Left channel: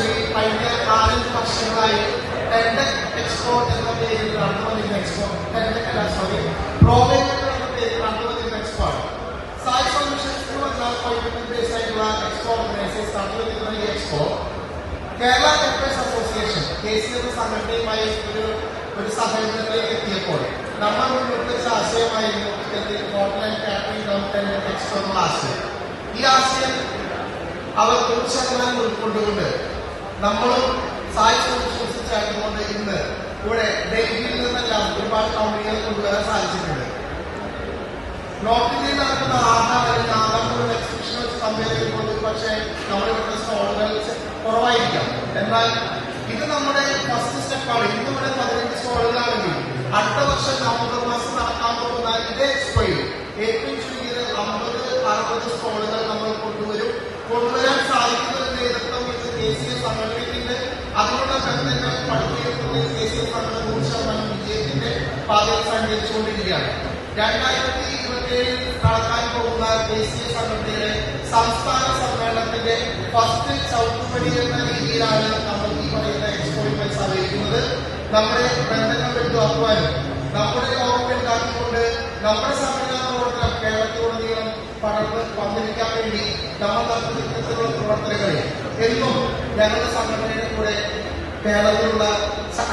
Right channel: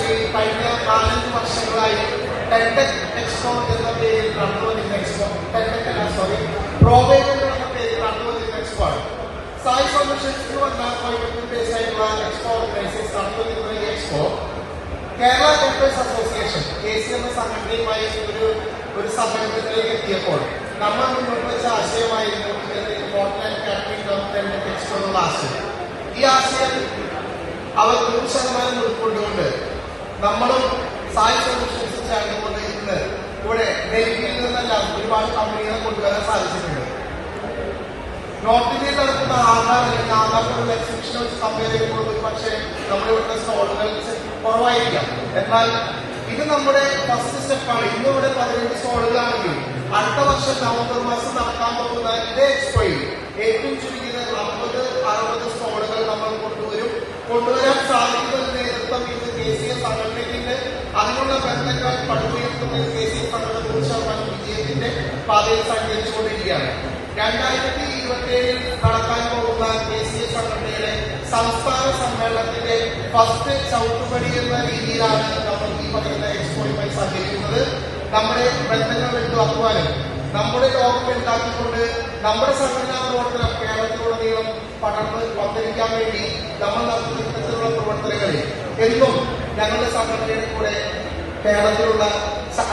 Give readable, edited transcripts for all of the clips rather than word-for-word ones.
കഴിഞ്ഞ 4-5 വർഷങ്ങളായി ടെൻഡക് എക്സ്പോ എന്ന പേരിൽ നടന്നുവന്നിരുന്ന എക്സ്പോ, പ്രോബൈബിൾ എന്ന പേരിൽ നടന്നുവന്നിരുന്ന എക്സ്പോ ആണ്. സായി സൊല്യൂഷൻസ് എന്ന് പറഞ്ഞാൽ ആയിട്ടുള്ള എക്സ്പോ ഓർഗനൈസേഴ്സ് നടത്തുന്ന ഈ expo Kerala doctors association KCMS സംഘടനയുമായി ഒരു സഹകരണത്തിലേക്ക് എത്തിയപ്പോൾ നമ്മൾ മുന്നോട്ട് വെച്ച ആശയമായിരുന്നു hotel and catering development expo എന്നുള്ള ആശയം. ഈ ആശയം അവർ 100% ഉൾക്കൊണ്ടുകൊണ്ട് നമ്മളും സായി സൊല്യൂഷൻസ് ചേർന്നുകൊണ്ട് ഇന്ന് ഇവിടെ ഡൽഹിയിൽ നിന്നെല്ലാം ഒരുപാട് കമ്പനികളെ കൊണ്ടുവരാൻ സാധിച്ചിട്ടുണ്ട്. നോർത്ത് ഇന്ത്യയിൽ നടക്കുന്ന ആധാർ എക്സിബിഷൻ സമ്മേളനങ്ങൾ പക്ഷേ നമ്മുടെ ഇവിടുത്തെ സ്റ്റോളുകൾ കുറവായിരിക്കാം. എന്നാൽ ഇത് നമ്മുടെ ഫസ്റ്റ് സ്റ്റെപ്പാണ്. ഇന്നിവിടെ 15 സ്റ്റോളുകളാണെങ്കിൽ അടുത്ത വർഷം നവംബർ മാസം നടത്താൻ പോകുന്ന ഇതേ എക്സ്പോയിൽ ഏറ്റവും ചുരുങ്ങിയത് 50-60 സ്റ്റോളുകൾ നമ്മൾ കൊണ്ടുവരാൻ സാധിക്കുന്നതിന് നേതൃത്വം ദേശീയ സംഘടനയ്ക്ക് അതിനുള്ള ബന്ധങ്ങൾ പഠിപ്പിക്കുന്ന ദേശീയ സംഘടന 100% വിജയത്തിന്റെ പാതയിൽ സഞ്ചരിച്ചുകൊണ്ടിരിക്കുകയാണ്. 2027 നടത്താൻ പോകുന്ന ദേശീയ സംഘടനയുടെ സംസ്ഥാന സമ്മേളനത്തിന്റെ ഫസ്റ്റ് ചവിട്ടുപടി എന്ന രീതിയിലാണ് നമ്മൾ ഈ പറയുന്ന എക്സ്പോയുമായി സഹകരിക്കുന്നത്. നമ്മുടെ ബന്ധങ്ങൾ ഉറപ്പാനും നമ്മുടെ ലോകം ഉണ്ടാക്കിക്കൊണ്ട് നമ്മുടെ സംഘടനാ പ്രവർത്തനം കേരളത്തിലുടനീളം പടർന്ന് വന്നിരിക്കാൻ വേണ്ടി നമ്മൾ നടത്തുന്ന പ്രവർത്തനങ്ങളിൽ എന്നും ഞങ്ങളുടെ സംഘടനയുടെ കൂടെ കേരളത്തിലുള്ള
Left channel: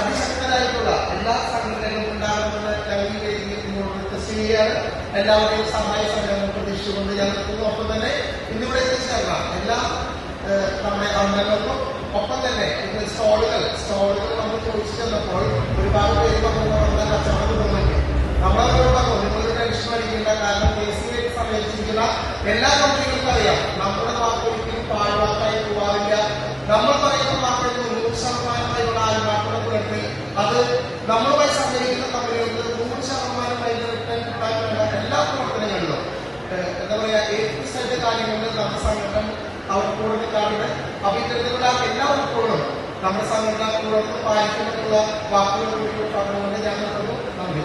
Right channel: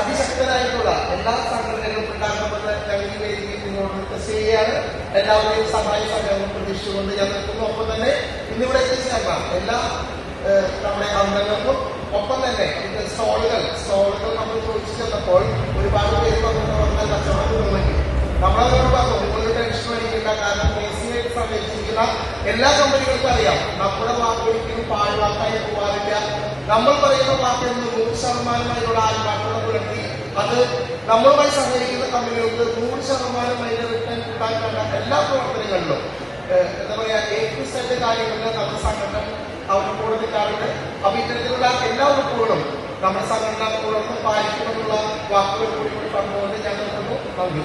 അതിശക്തരായിട്ടുള്ള എല്ലാ സംഘടനകളും ഉണ്ടാകുമെന്ന് ഞങ്ങളുടെ രീതിയിൽ നിങ്ങളോട് റിക്വസ്റ്റ് ചെയ്യുകയാണ്. എല്ലാവരുടെയും സഹായ സഹകരണം പ്രതീക്ഷിച്ചുകൊണ്ട് ഞങ്ങൾക്കൊപ്പം തന്നെ ഇന്നിവിടെ എത്തിച്ചേർന്ന എല്ലാ നമ്മുടെ അംഗങ്ങൾക്കും ഒപ്പം തന്നെ സ്റ്റോളുകൾ നമ്മൾ ചോദിച്ചു ചെന്നപ്പോൾ ഒരുപാട് പേര് നമ്മുടെ കച്ചവടത്തിൽ തോന്നി. നമ്മളതിനോട് നിങ്ങൾ ടെൻഷൻ അടിക്കില്ല. കാരണം KCMS സംഘടിപ്പിച്ചിട്ടുള്ള എല്ലാ കമ്പനികൾക്കും അറിയാം നമ്മുടെ വാക്ക് ഒരിക്കലും പാഴ്വാക്കായി പോകാറില്ല. നമ്മൾ പറയുന്ന വാക്കിൽ 100% ആത്മാർത്ഥതപ്പെടുത്തി അത് നമ്മളുമായി സഹകരിക്കുന്ന കമ്പനികൾക്ക് 100% കിട്ടാൻ വേണ്ട എല്ലാ പ്രവർത്തനങ്ങളിലും എന്താ പറയാ ഏത് കാര്യങ്ങളിൽ നമ്മുടെ സംഘടന അവർക്ക് കൊടുക്കാറുണ്ട്. അപ്പൊ ഇത്തരത്തിലുള്ള എല്ലാ ഉറപ്പുകളും നമ്മുടെ സംഘടന പാലിക്കുമെന്നുള്ള വാക്കുകൾ കൂടി കണ്ടുകൊണ്ട് ഞങ്ങൾ നന്ദി.